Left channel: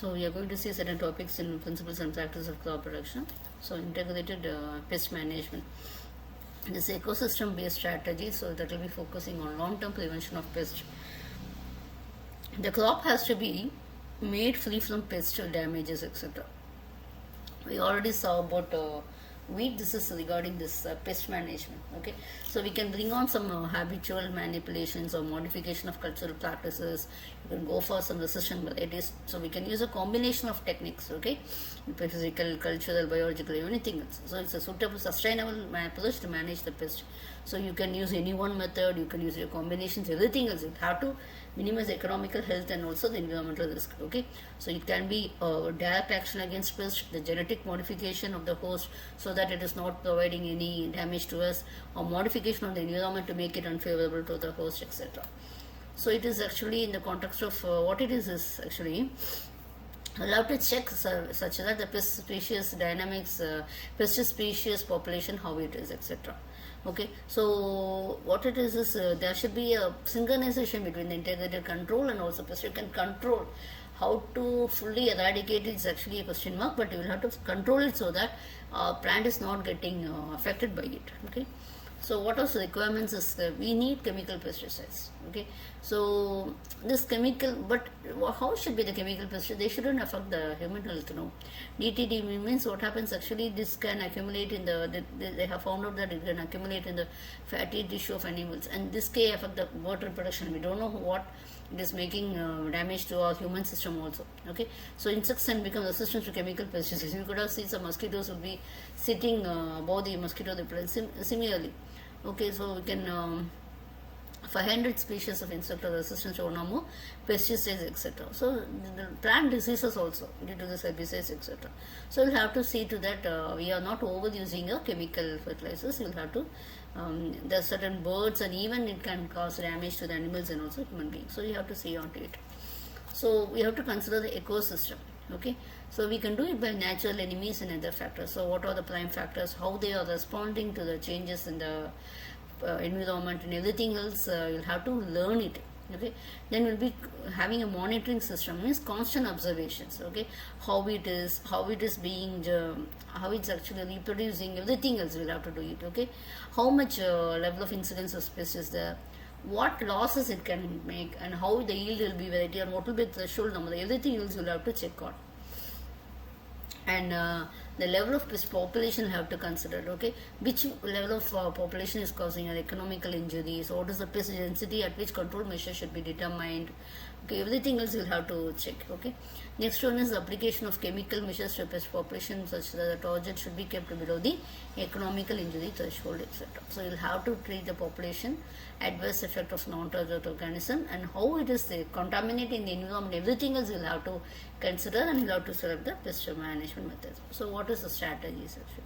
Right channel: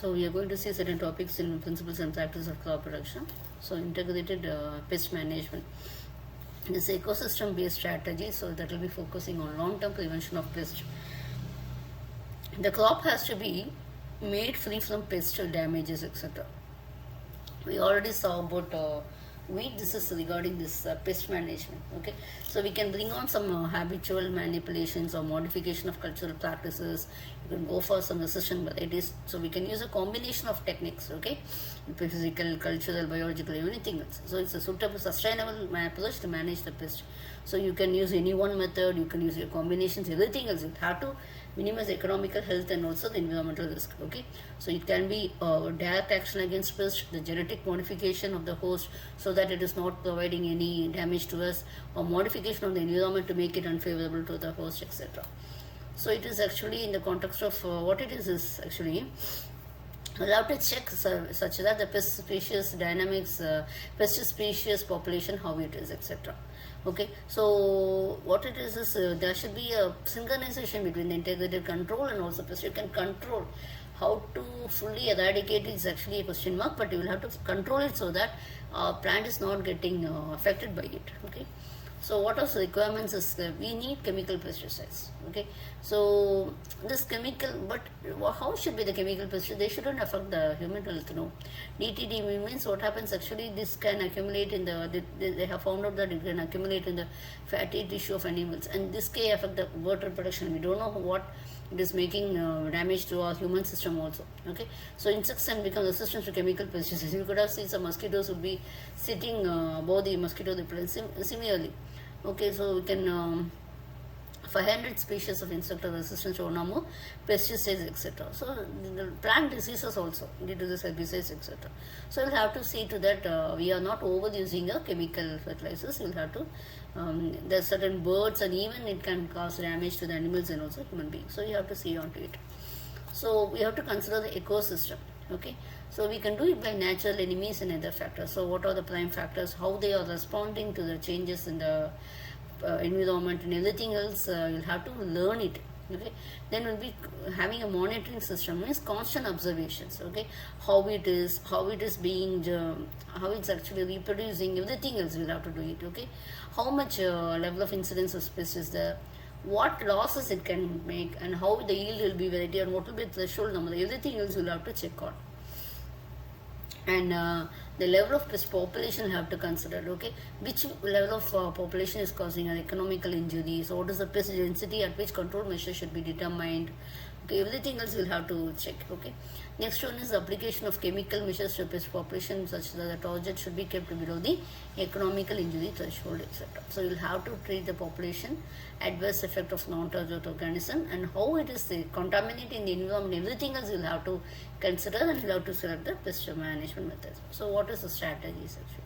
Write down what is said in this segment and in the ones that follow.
So we are going to see certain topics in principles and practice of crop production. So integrated pest management. This ecosystem based strategy, so that will be focusing on long term prevention of pests. The crop has to be made free from pest damages, etc. We already saw about wheat. This is regarding this pest management. Okay, so we can bring on some habitual manipulations or modification of cultural practices. You can go for some resistant varieties, so we can use a combination of techniques. Okay, physical, cultural, biological, anything else. So it's a suitable sustainable approach to manage the pest. So you can use any one method, you can use your combinations, everything else. You have to minimize economical, health, and also the environmental risk. Okay, so it can be direct action against pest, the genetic modification of the host, so that it is not providing any damage to us, or modification of the environment to make it unfavorable to the host, etc. So it is actually in the context of what it is actually. We'll have to check such that the pest species dynamics, pest species population, how it is, etc. Okay, so what it is there should be a synchronization between the integrated control and also pest. You can control. How to fully eradicate it is actually a question mark, but you will have to control it so that plant is not getting affected by it. Okay, so what are the requirements is that we need chemical pesticides. Okay, so this chemical, but how should be the chemical pesticides? They shouldn't affect the human health. No, DTD means what happens actually, this can accumulate in the, they have found out that it can accumulate in the fatty tissue of animals, and this can affect the bird reproduction. We don't know what it is making damage to our human system also. Okay, so insects can become resistant to chemical pesticides. You could have seen some mosquitoes would be sitting above the mosquito repellent. Similarly, okay, so we can 500 species of insect are resistant to one or more pesticides, etc. So the plant diseases also due to this herbicides, etc. So we'll have to see to that we are not overusing a chemical fertilizers. We'll have to there are certain birds, and even it can cause damage to the animals and also human beings. So you have to see onto it. So we have to consider the ecosystem. Okay, so we can do it by natural enemies and other factors. So what are the prime factors? How they are responding to the changes in the environment and everything else. You'll have to learn it. Okay, then we'll be having a monitoring system, means constant observations. Okay, how it is being how it's actually reproducing, everything else we'll have to do it. Okay, how much level of incidence of pest is there, what losses it can make, and how the yield will be variety, and what will be the threshold number, everything else you'll have to check on. And the level of pest population you have to consider. Okay, which level of population is causing an economical injury, so what is the pest density at which control measures should be determined. Okay, everything else you'll have to check. Okay, next one is the application of chemical measures to pest population such that the target should be kept below the economical injury threshold, etc. So you'll have to treat the population, adverse effect of non-target organism, and how it is contaminating the environment, everything else you'll have to consider, and you'll have to select the pest management methods. So what is the strategies actually?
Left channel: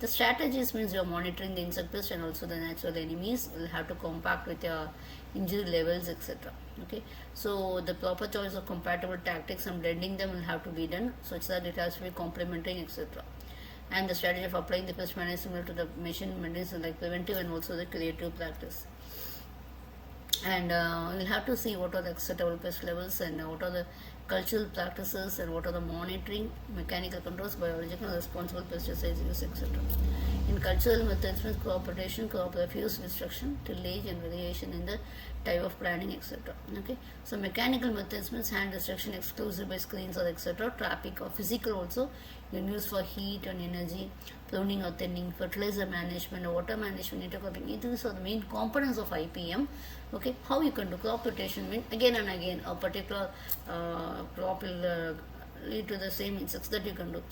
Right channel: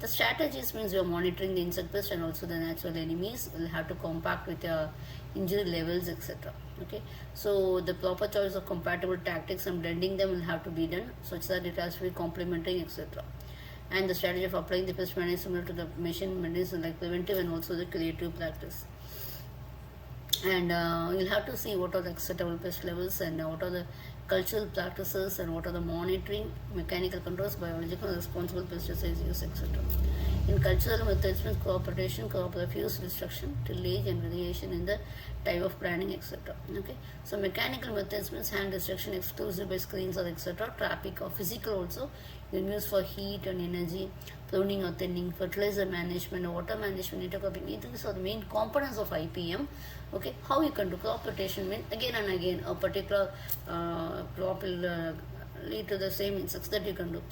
The strategies means you're monitoring the insect pest and also the natural enemies. You'll have to compact with your injury levels, etc. Okay, so the proper choice of compatible tactics and blending them will have to be done such that it has to be complementing, etc. And the strategy of applying the pest management similar to the measurement is like preventive and also the creative practice. And we'll have to see what are the acceptable pest levels, and what are the cultural practices, and what are the monitoring, mechanical controls, biological and responsible pesticides use, etc. In cultural methods means crop rotation, crop refuse, destruction, tillage and variation in the type of planting, etc. Okay, so mechanical methods means hand destruction exclusive by screens or etc. Traffic or physical also you can use for heat and energy, pruning or thinning, fertilizer management, water management, intercropping. These are the main components of IPM. Okay, how you can do crop rotation means again and again a particular crop will lead to the same insects that you can do.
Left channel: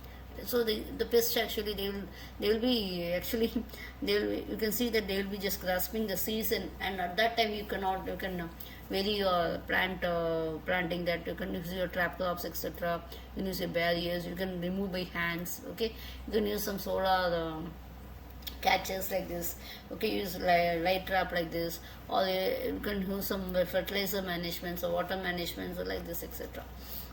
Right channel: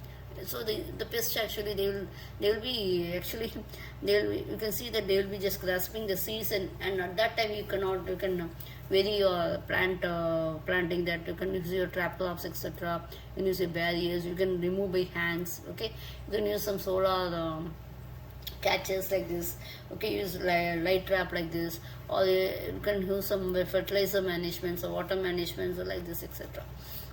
So the pests actually they will be actually you can see that they will be just grasping the seeds, and at that time you can vary your planting, that you can use your trap crops, etc. You can use your barriers, you can remove by hands. Okay, you can use some solar catches like this. Okay, use light trap like this, or you can use some fertilizer management or water management or like this, etc.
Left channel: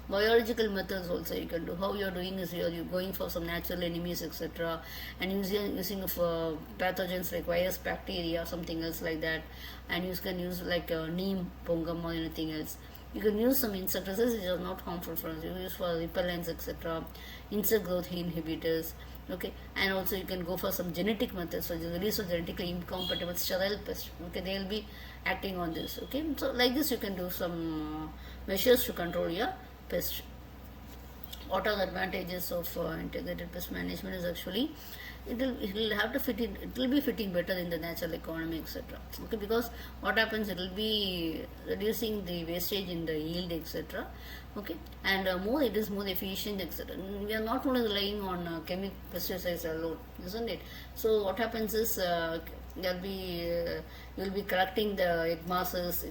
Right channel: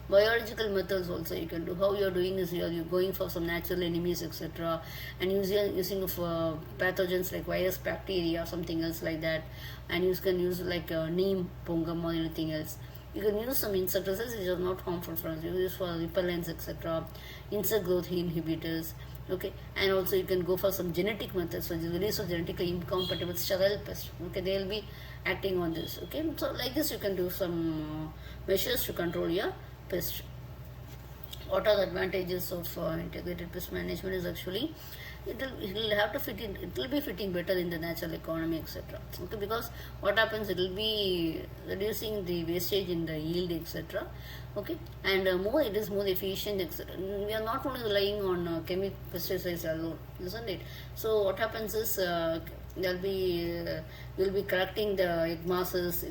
Biological methods also you can do. How you are doing is you're going for some natural enemies, etc. and using of pathogens like virus, bacteria, something else like that, and you can use like neem, pongam or anything else. You can use some insecticides which are not harmful for us. You use for repellents, etc., insect growth inhibitors. Okay, and also you can go for some genetic methods, so the release of genetically incompatible sterile pests. Okay, they will be acting on this. Okay, so like this you can do some measures to control your pest. What are the advantages of integrated pest management is actually it will have to fit in, it will be fitting better in the natural economy, etc. Okay, because what happens, it will be reducing the wastage in the yield, etc. Okay, and more it is more efficient, etc. We are not only relying on chemical pesticides alone, isn't it? So what happens is there'll be you'll be correcting the egg masses,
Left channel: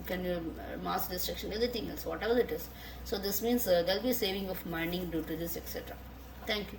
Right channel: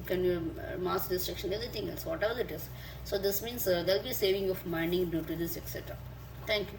mass destruction, everything else, whatever it is. So this means there'll be saving of mining due to this, etc. Thank you.